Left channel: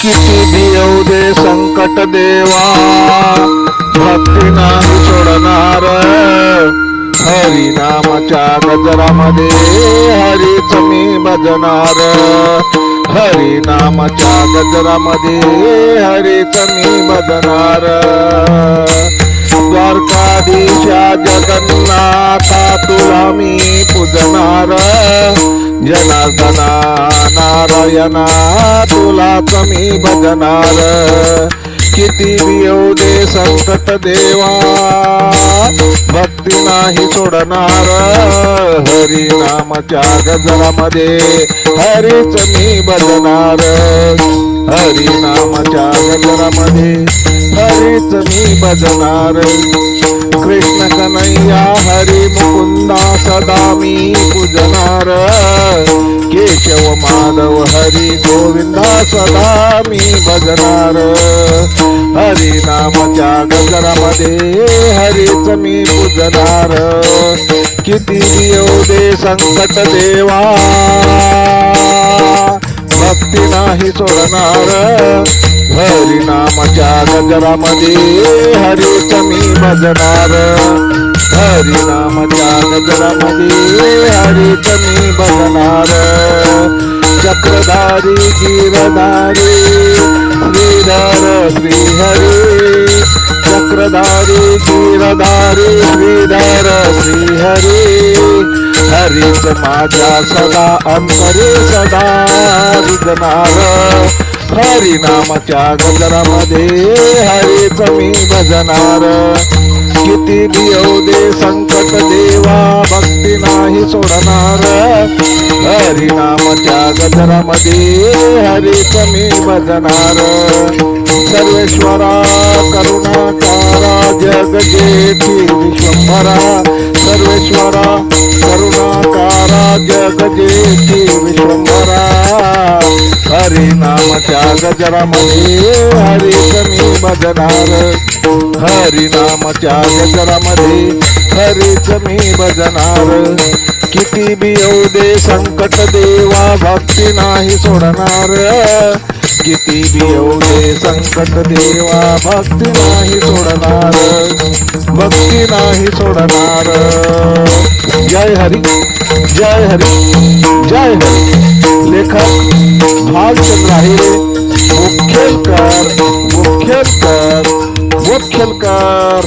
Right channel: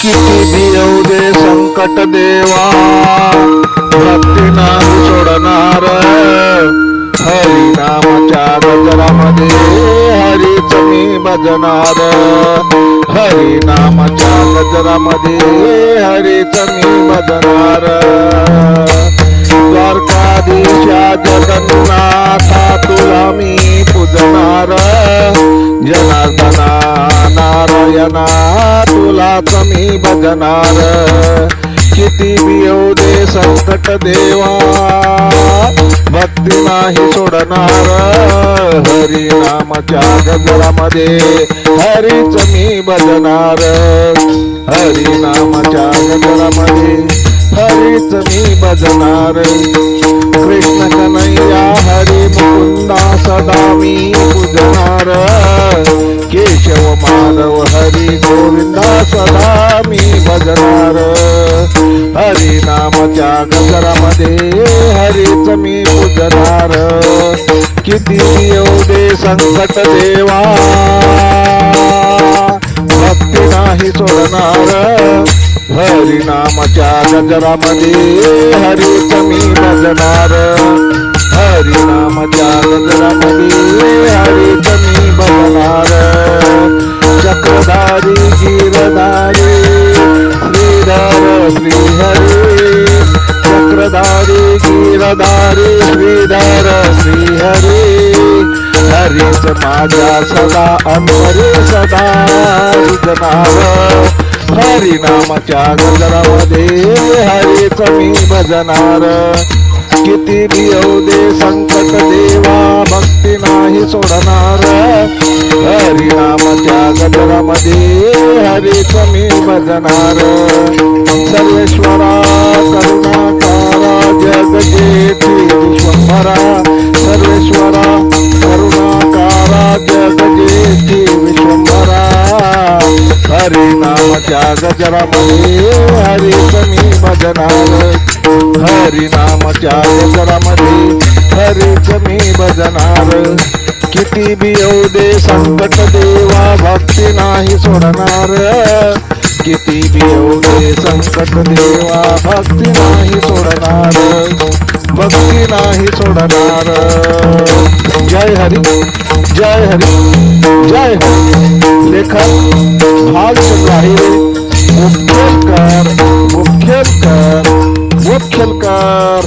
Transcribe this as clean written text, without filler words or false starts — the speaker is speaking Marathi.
किती भी येऊ दे संकट देवा, भक्ती नाही सोडणार. हरी नामाच्या गजरामध्ये हरीच मी भजणार. हरी नामाच्या गजरामध्ये हरीच मी भजणार. द्वारकाधीशा जगन्नाथा तुला मी पूजणार. जनार्दना नारायणा तुलाच मी भजणार. किती भी येऊ दे संकट देवा, भक्ती नाही सोडणार. हरी नामाच्या गजरामध्ये हरीच मी भजणार. हरी नामाच्या गजरामध्ये हरीच मी भजणार. कृष्ण कन्हैया हरी मुकुंदा सदा मी पूजणार. केशव माधव हरी गोविंदा सदा मी भजणार. हरी नामाच्या गजरामध्ये हरीच मी पूजणार. किती येऊ दे संकट देवा, भक्ती नाही सोडणार. हरी नामाच्या गजरामध्ये हरीच मी भजणार. हरी नामाच्या गजरामध्ये हरीच मी भजणार. चक्रधारी गिरधारी श्रीधर श्रीहरी. चक्रधारी गिरधारी श्रीधर श्रीहरी. हरीच माझ्या सदा अंतरे सदा रुजणार. हरी नामाच्या गजरामध्ये हरीच मी भजणार. किती भी येऊ दे संकट देवा, भक्ती नाही सोडणार. हरी नामाच्या गजरामध्ये हरीच मी भजणार. सर्वेश्वरा करुणाकारा जगजेठी विश्वंभरा. सर्वेश्वरा करुणाकारा जगजेठी विश्वंभरा. हरी नामाच्या गजरामध्ये हरीच मी भजणार. हरी नामाच्या गजरामध्ये हरीच मी भजणार. किती भी येऊ दे संकट देवा, भक्ती नाही सोडणार. किती भी येऊ दे संकट देवा, भक्ती नाही सोडणार. भक्ती नाही सोडणार. जय हरी जय हरी जय हरी. लेखक भालचंद्र आहिरे. मुखेलकर मुखेलकर मुखेलकर.